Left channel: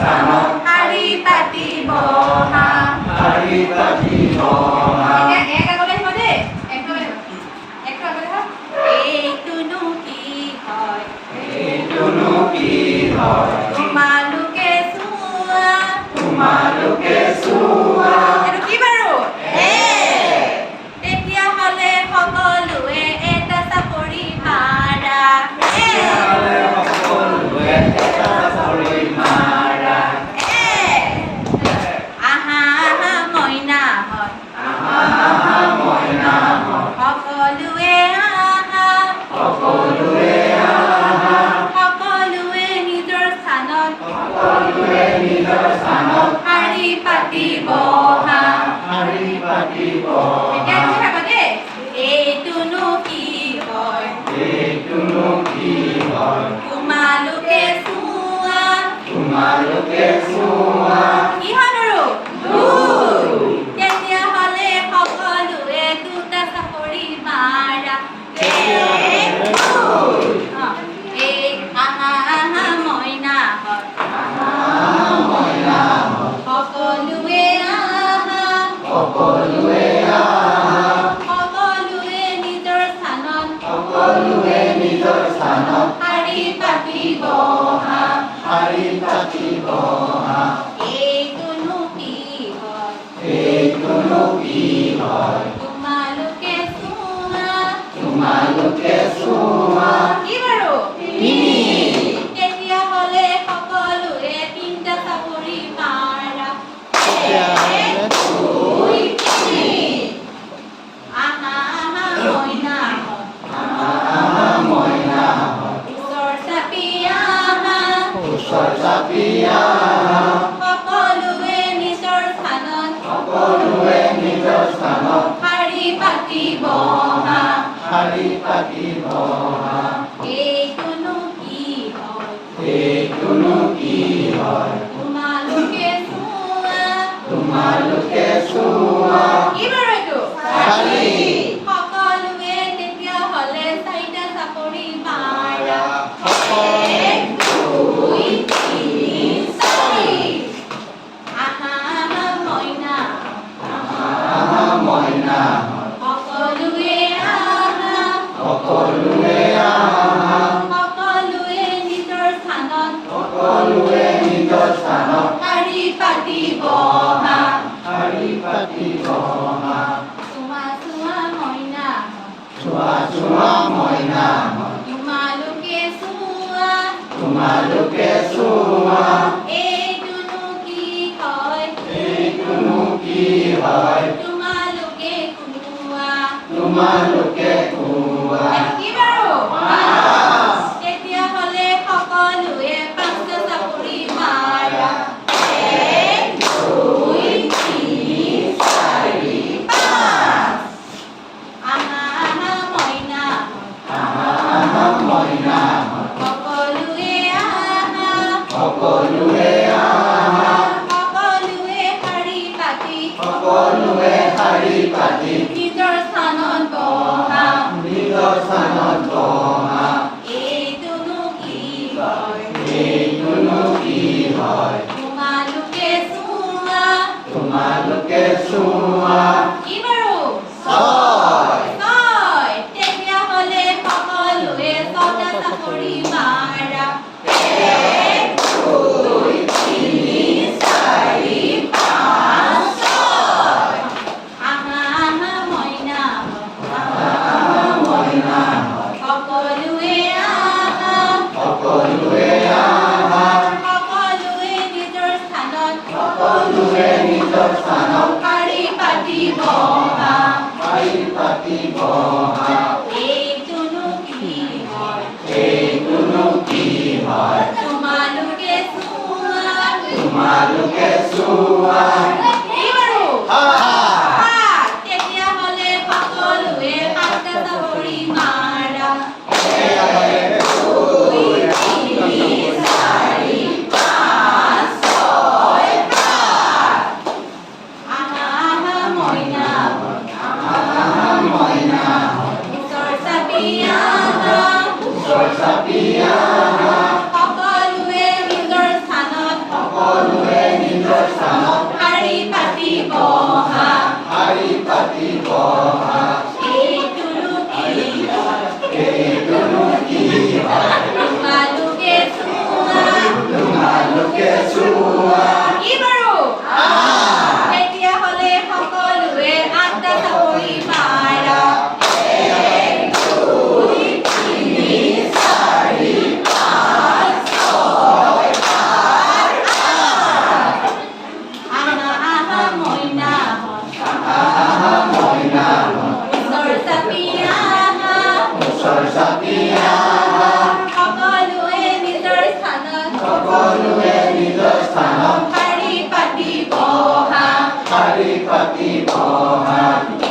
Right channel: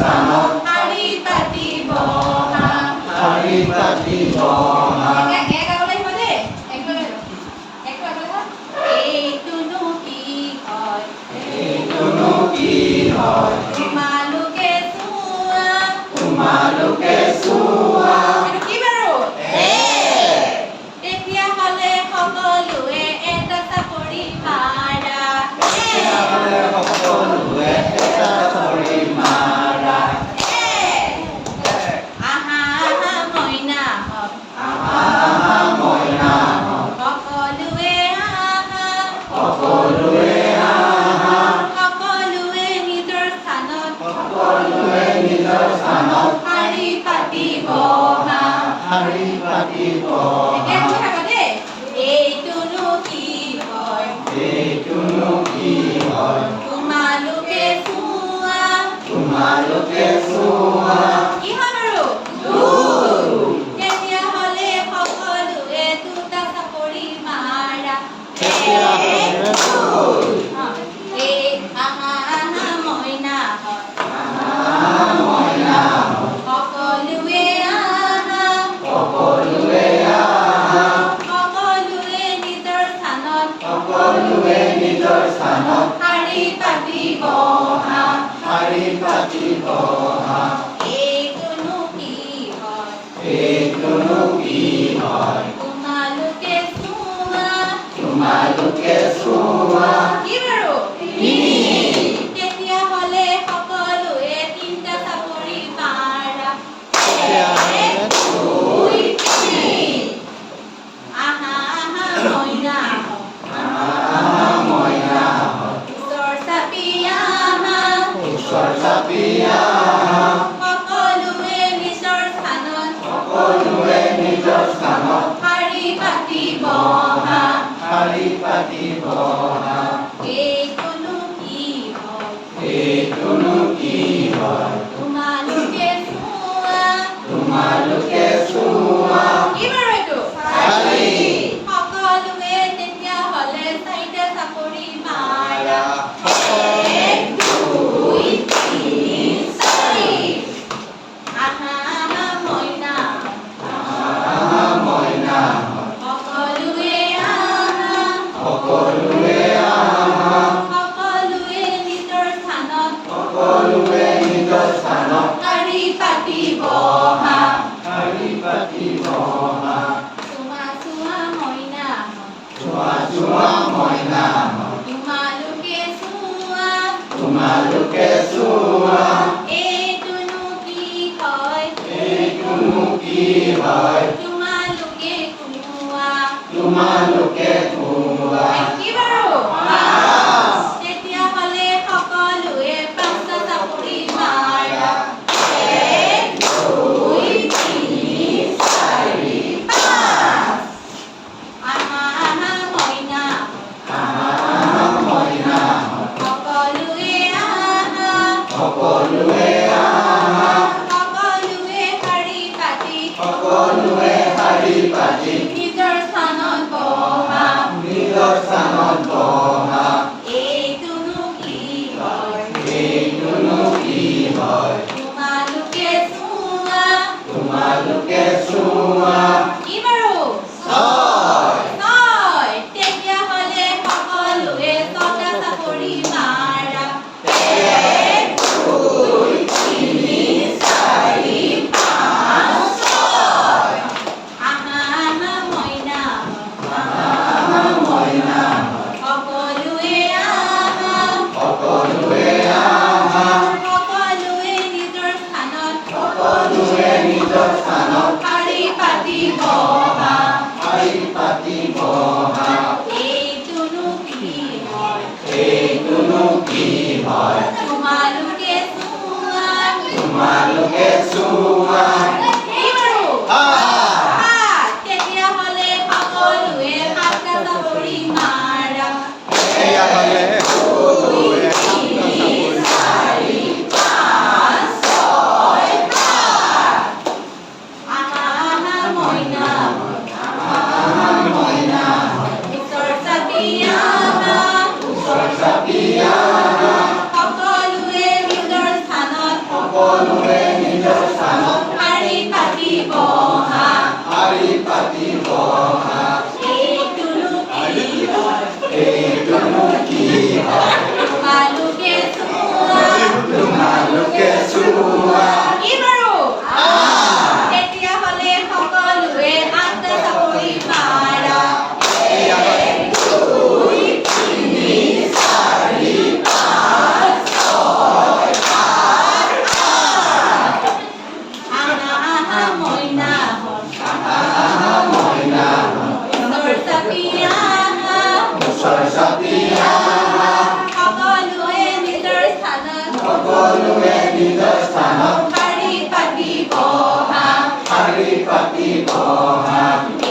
স্থানত শাৰী পাতিব অহা। শাৰী পাতিব অহা। এক আগলৈ আহিব দেই, একটো আগলৈ হওক। এইটোনো কি হয়, এইটোনো কি হয়, তোমালোকে চোৱা, তোমালোকে চোৱা। এইটো কি বাৰু? তেতিয়াহ'লে সকলোৱে এটা চাপৰি মাৰা। তেতিয়াহ'লে সকলোৱে এটা চাপৰি মাৰা। আহা আহা মইনাহঁত, আহা আহা মইনাহঁত, সকলোৱে আহা, সকলোৱে আহা। সকলোৱে নিজৰ স্থানত সকলোৱে নিজৰ স্থানত শাৰী পাতিব অহা। শাৰী পাতিব এতিয়া অহা। কি থাকা দেই? এইটোনো কি হয়, এইটোনো কি হয়, তোমালোকে চোৱা। তোমালোকে চোৱা। কি হয় বাৰু? দুই। তেতিয়াহ'লে সকলোৱে দুটা চাপৰি মাৰা। তেতিয়াহ'লে দুই। এই আহা আহা মইনাহঁত, আহা আহা মইনাহঁত, সকলোৱে আহা, সকলোৱে আহা। সকলোৱে নিজৰ স্থানত সকলোৱে নিজৰ স্থানত শাৰী পাতিব অহা। শাৰী পাতিব অহা। এইটোনো কি হয়, এইটোনো কি হয়, তোমালোকে চোৱা। তোমালোকে চোৱা। কি বাৰু? তিনি। তেতিয়াহ'লে সকলোৱে তিনিটা চাপৰি মাৰা। তেতিয়াহ'লে দুই, তিনি। আহা আহা মইনাহঁত, আহা আহা মইনাহঁত, ওচৰ চাপি আহা, ওচৰ চাপি আহা। সকলোৱে নিজৰ স্থানত সকলোৱে নিজৰ স্থানত শাৰী পাতিব অহা। শাৰী পাতিব অহা। এইটোনো কি হয়, এইটোনো কি হয়, তোমালোকে চোৱা। তোমালোকে চোৱা। কি বাৰু এইটো? শাৰী। সকলোৱে তেতিয়াহ'লে চাৰিটা চাপৰি মাৰা। সকলোৱে এক, দুই, তিনি, চাৰি। আহা আহা মইনাহঁত, আহা মইনাহঁত, সকলোৱে আহা, সকলোৱে আহা। সকলোৱে নিজৰ স্থানত সকলোৱে নিজৰ স্থানত শাৰী পাতিব অহা। শাৰী পাতিব অহা। চোৱা চোৱা মইনাহঁত, চোৱা চোৱা মইনাহঁত, তোমালোকে চোৱা। তোমালোকে চোৱা। এইটোনো কি হয়, এইটোনো কি হয়, তোমালোকে কোৱা। তোমালোকে কোৱা। কি বাৰু? তেতিয়াহ'লে সকলোৱে পাঁচটা চাপৰি মাৰা। এক, দুই, তিনি, চাৰি, পাঁচ। আহা আহা মইনাহঁত, আহা আহা মইনাহঁত, সকলোৱে আহা, সকলোৱে আহা। সকলোৱে শাৰী পাতি সকলোৱে শাৰী পাতি নিজৰ স্থানত বহা। নিজৰ স্থানত বহা। এইটোনো কি হয়, এইটোনো কি হয়, তোমালোকে চোৱা। তোমালোকে চোৱা। কি বাৰু? ছয়। ছয়। তেতিয়াহ'লে সকলোৱে ছটা চাপৰি মাৰা। এক, দুই, তিনি, চাৰি, পাঁচ, ছয়। আহা আহা মইনাহঁত, আহা মইনাহঁত, সকলোৱে আহা, সকলোৱে আহা। সকলোৱে নিজৰ স্থানত সকলোৱে নিজৰ স্থানত শাৰী পাতিব অহা। শাৰী পাতিব অহা। এইটোনো কি হয়, এইটোনো কি হয়, তোমালোকে চোৱা। তোমালোকে চোৱা। কি বাৰু? সাত। সাত। তেতিয়াহ'লে সকলোৱে সাতটা চাপৰি মাৰা। তেতিয়াহ'লে সকলোৱে সাতটা চাপৰি চাৰি, পাঁচ, ছয়, সাত। আহা আহা মইনাহঁত, আহা মইনাহঁত, ওচৰ চাপি আহা, ওচৰ চাপি আহা। সকলোৱে নিজৰ স্থানত সকলোৱে সৰস্বতী আহা সকলোৱে নিজৰ স্থানত সকলোৱে নিজৰ স্থানত শাৰী পাতি বহা শাৰী পাতি বহা